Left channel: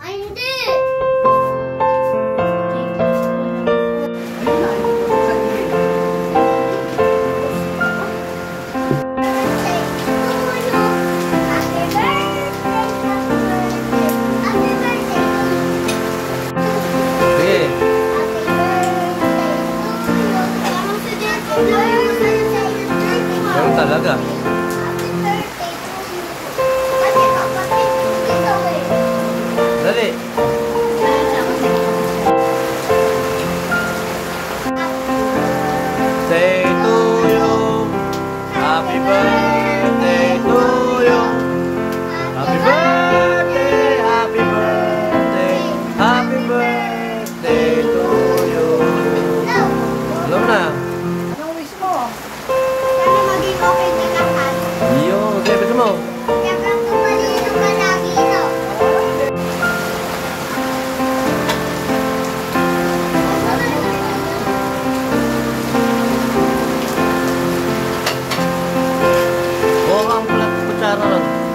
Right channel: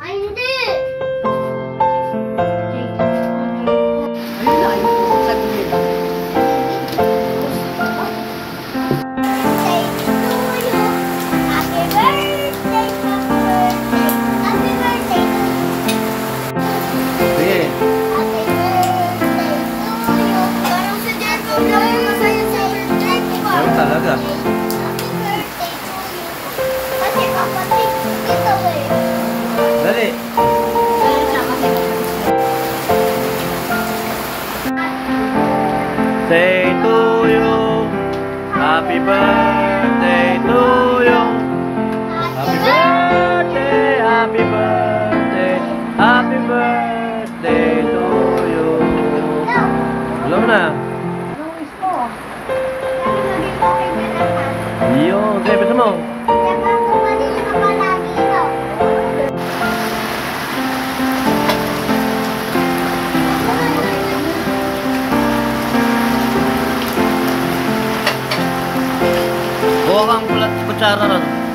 Ay, hindi. Meron talaga. Dali. Say to you, happy birthday to you. Happy birthday, happy birthday, happy birthday to you. Alam mo na. Yo, okay, betul mo. Kuha kang kutsara ron.